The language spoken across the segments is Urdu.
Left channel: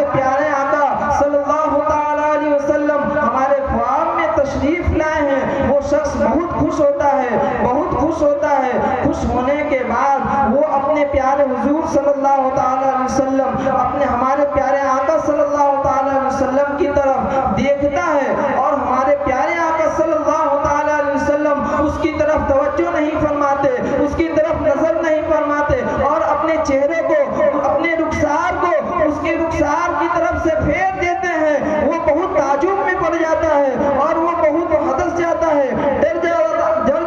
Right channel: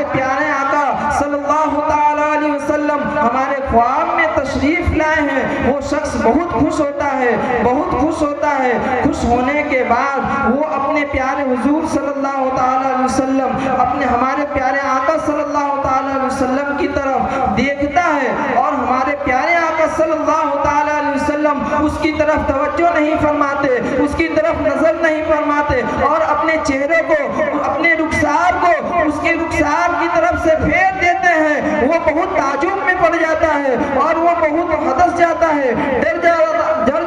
ہمارے پیارے آقا صلی اللہ تعالیٰ علیہ وسلم ہمارے خواب میں تشریف لائے ہیں، وہ شخص بہت خوش ہوتا ہے، بہت خوش ہوتا ہے۔ خوش ہونے کے بعد وہ اپنے پیارے حضور صلی اللہ تعالیٰ علیہ وسلم، اپنے ہمارے پیارے آقا صلی اللہ تعالیٰ علیہ وسلم کی طرف دیکھتا ہے، اور ہمارے پیارے آقا صلی اللہ تعالیٰ علیہ وسلم اس کی طرف توجہ نہیں فرماتے، اس کی طرف نظر نہیں فرماتے، اور اپنے چہرے کو، اپنے رخسار کو اس کے رخسار کی طرف سے پھیر دیتے ہیں۔ وہ بہت تعجب میں پڑ جاتا ہے اور وہ بہت حدث جاتا ہے، ڈر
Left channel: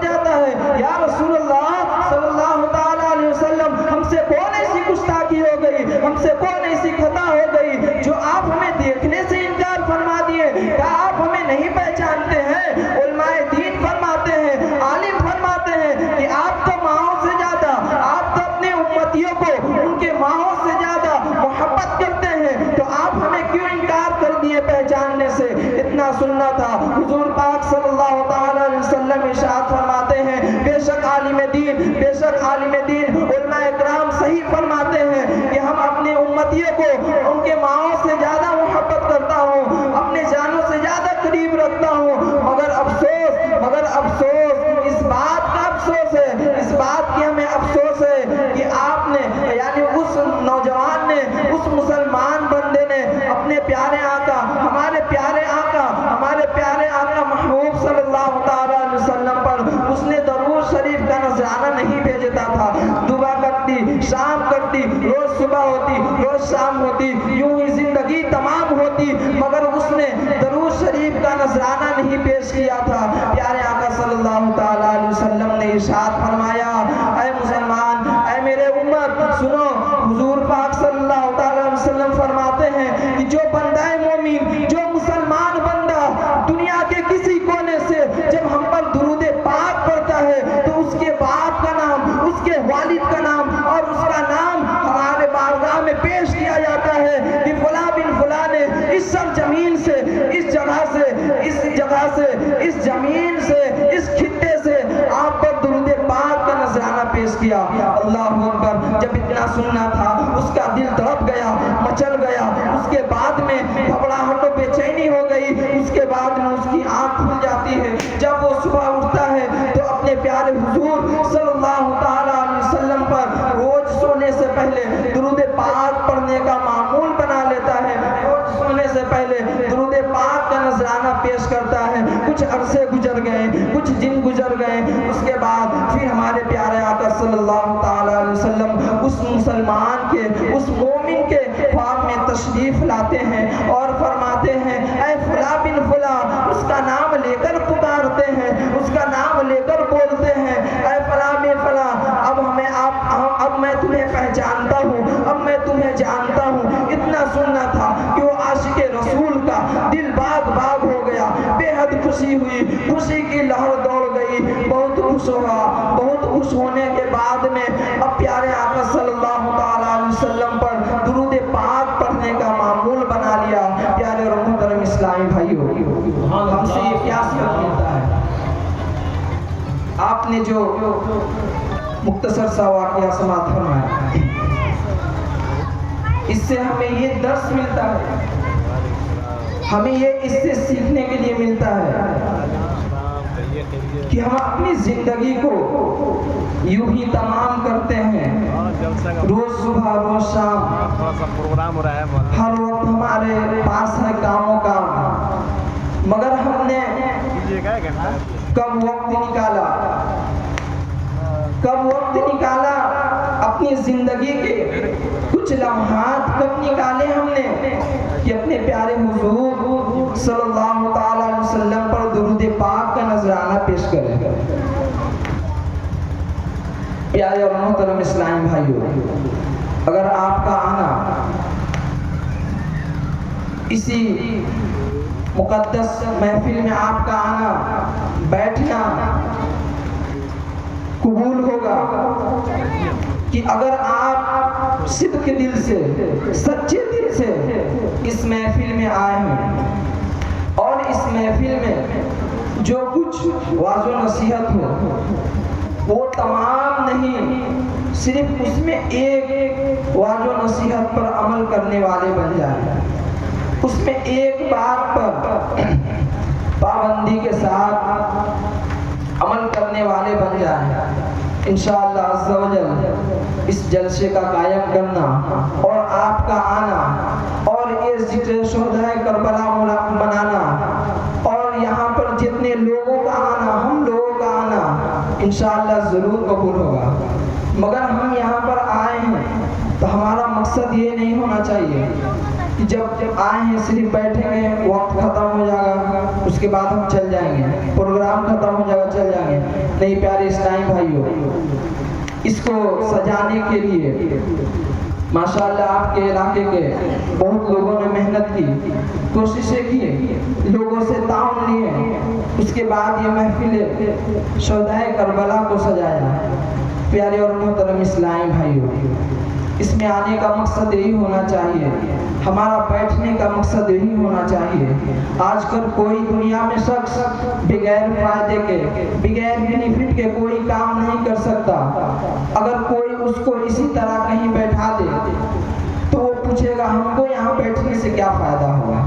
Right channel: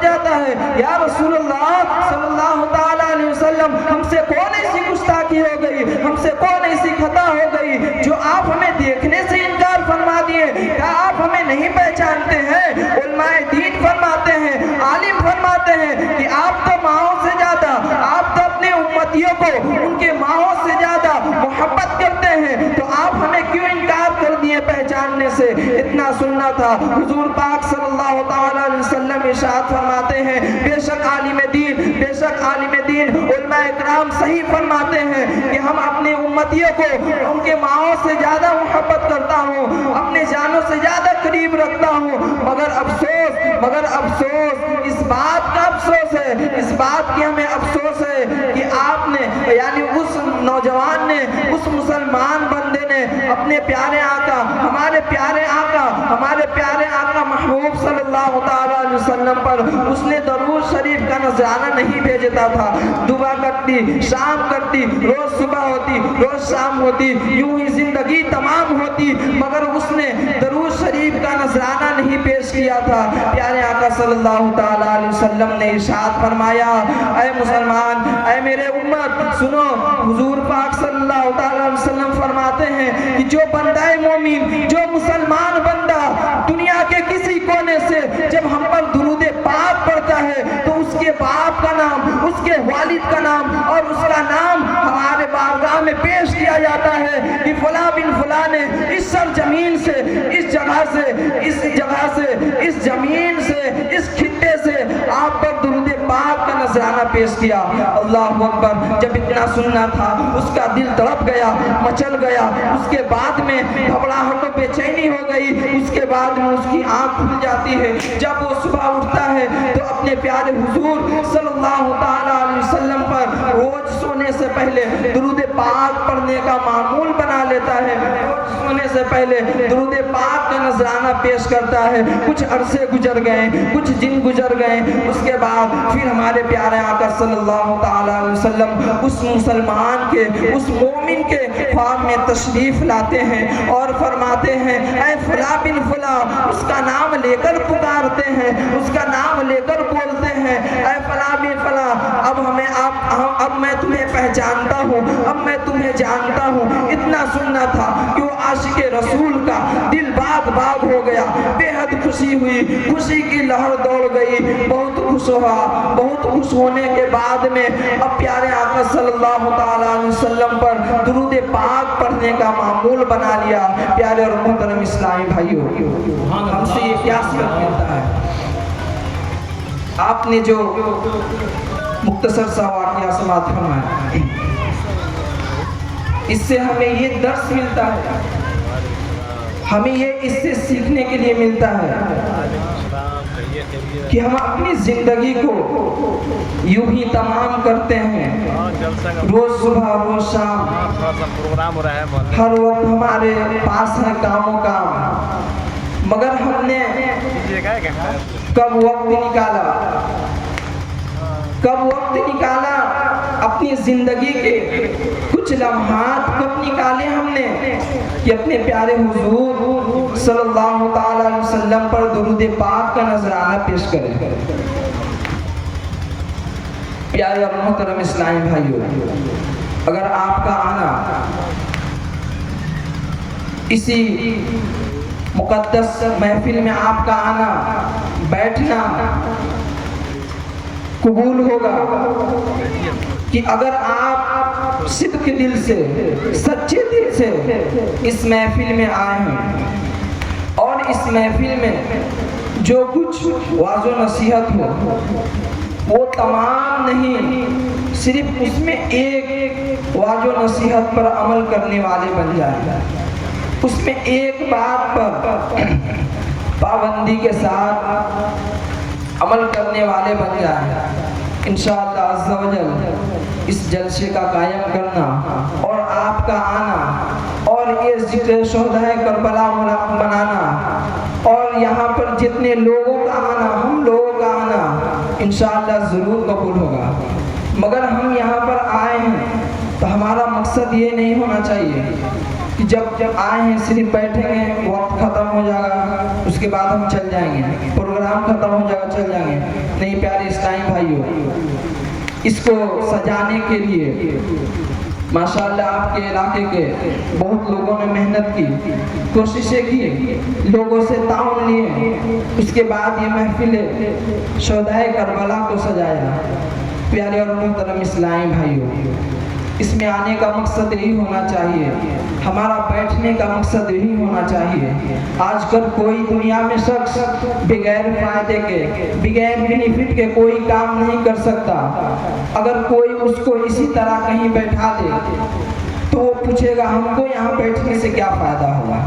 جاتا ہے، یا رسول اللہ صلی اللہ تعالیٰ علیہ وسلم، ہم سے کون ایسی گستاخی ہو گئی، ہم سے کون ایسی خطا ہو گئی جو آپ ہمیں دیکھنے سے انکار فرما دیے؟ کیا آپ ہمیں نہیں پہچانتے ہیں؟ علماء دین فرماتے ہیں، عالم فرماتے ہیں کہ آپ تو ماؤں سے زیادہ، آپ تو اپنے امتیوں کو ان کے ماؤں سے زیادہ محبت کرتے ہیں، تو آپ ہمیں کیوں انکار کر دیے پہچاننے سے؟ اتنا سننا تھا۔ حضور پاک صلی اللہ تعالیٰ علیہ وسلم ارشاد فرماتے ہیں، بے شک عالم دین علماء اکرام صحیح فرماتے ہیں کہ ہم اپنے امتیوں کو ان کے ماؤں سے زیادہ محبت کرتا ہوں، اپنے جانوں سے زیادہ قریب رکھتا ہوں، مگر افسوس اس بات کا افسوس ہے، اس بات کی ہمیں افسوس ہے کہ آپ نے، یعنی اس نوجوان نے، اس مسلمان بندے نے اپنے پیارے آقا، ہمارے پیارے آقا محبوب صلی اللہ تعالیٰ علیہ وسلم پر اس نے درود شریف کا نذرانہ نہیں بھیجتا تھا۔ دعا کرتی، شام کرتی، روز صبح ہوتی، روز شام ہوتی، یوں ہی زندگی تمام ہوتی، مگر اس نے درود شریف کا نذرانہ نہیں پیش کیا تھا۔ پیارے آقا صلی اللہ تعالیٰ علیہ وسلم نے ارشاد فرمایا، اے مسلمان، اے میرے امت سنو، حضور پاک صلی اللہ تعالیٰ علیہ وسلم فرماتے ہیں کہ جو بندہ مومن، جو مسلمان بندہ دنیا کے کسی کونے سے جب ہم پر درود پاک پڑھتا ہے تو اس کے باپ کا نام، اس کے والد کا نام اور اس کا نام ہمارے بارگاہ میں پیش کیا جاتا ہے کہ فلاں بن فلاں نے اس سرزمین سے، اس جگہ سے، اس زمین سے، اس خطے سے آپ پر درود پاک کا نذرانہ پیش کیا۔ اللہ اکبر۔ جب اتنا سننا تھا اس کا دل تڑپ گیا، مچل گیا، اس کے بعد میں گھبراہٹ و بے چینی ہو گئی، اس کے بعد میں اس کی آنکھ کھل جاتی ہے۔ جب وہ صبح اٹھتا ہے تو اپنے پیارے حضور صلی اللہ تعالیٰ علیہ وسلم پر روز سونے سے پہلے درود پاک پڑھنے کا معمول بنا لیتا ہے، روز سونے سے پہلے درود پاک کا نذرانہ پیش کرتا ہے۔ کچھ عرصے گزر گئے، کچھ دن گزر گئے، اس کے بعد پھر ہمارے پیارے آقا صلی اللہ تعالیٰ علیہ وسلم اس مسلمان کے، اس مومن کے خواب میں تشریف لاتے ہیں اور فرماتے ہیں، اے فلاں بن فلاں، اس کا نام لے کر پکارتے ہیں، اس کا نام لے کر بولتے ہیں، اے فلاں بن فلاں، اب میں تمہیں پہچانتا ہوں، اب میں تمہیں جانتا ہوں۔ اتنا سننا تھا کہ وہ عاشق رسول کا دل باغ باغ ہو گیا، بے حد خوشی ہوئی، خوشی کی لہر دوڑ گئی، بہت خوش ہوا۔ بہت خوش ہونے کے بعد میں اب پیارے آقا صلی اللہ تعالیٰ علیہ وسلم پر درود پاک پڑھنے کا معمول بنا لیا۔ پیارے اور محترم اسلامی بھائیوں، ہم سے یہ کیا سبق ملتا ہے؟ آپ نے جو مختصر سا واقعہ سماعت فرمایا، اس سے ہمیں یہ درس ملتا ہے، ہمیں یہ اس سے سیکھنے کے لیے ملتا ہے کہ ہم اپنی زندگی کو یوں ہی تمام کرتے ہیں، روز صبح روز شام، ہر وقت ہمارے پاس ہے کاموں کا، مگر ہم نے کب وقت نکالا اپنی زندگی کے کچھ لمحات کب نکالے ہم نے کہ اپنے پیارے حضور صلی اللہ تعالیٰ علیہ وسلم پر درود پاک کا نذرانہ پیش کریں۔ پیارے اور محترم اسلامی بھائیوں، اگر آپ کا آنا اسی مقدس محفل میں، آپ کا آنا بیٹھنا قبول ہوگا کہ اگر آپ صدق دل سے، سچے دل سے اس محفل میں آئے ہیں اور اس محفل میں جو کچھ واعظ و نصیحت ہو، وہ تمام نہیں، صرف اس میں ایک واضح و نصیحت پر عمل کرنے والے بن جائیں، اس میں ایک بات پر پابندی کے ساتھ عمل کرنے والے بن جائیں، انشاءاللہ عز و جل اس جلسے کا قائم کرنا اور آپ کا آنا اور یہ ذکر شہدائے کربلا منانا اور یہاں پر جتنے لوگوں کا آنا، ہم لوگوں کا آنا انشاءاللہ ضرور قبول ہوگا۔ مگر ہم یہاں پر آئے ہیں تو ہمارا مقصد یہ نہیں ہونا چاہیے کہ جب آئے ہیں صرف بیٹھیں گے، وقت ختم ہو جائے گا اس کے بعد ہم چل جائیں گے، پروگرام ختم ہو جائے گا چل جائیں گے۔ نہیں پیارے اسلام بھائیوں، اس کو سجانے کے لیے ماشاءاللہ آپ کے علاقے کے بہت لوگوں نے محنت کی، کوششیں کی، لوگوں سے تعاون لیے، اس کے بعد یہ محفل شہدائے کربلا کو سجایا۔ پیارے اور محترم اسلامی بھائیوں، اس میں آنے کا مقصد یہی ہونا چاہیے، ہمارا بیٹھنے کا مقصد یہی ہونا چاہیے۔ آج کل کوئی دنیا میں شخص بغیر فائدے کے، بغیر بینیفٹ کے کوئی کام نہیں کر سکتا۔ اگر کوئی اس کو اسی طرح کہیں بیٹھا دے تو وہ پوچھے گا ہم کو یہاں بیٹھنے سے کیا فائدہ ہوگا۔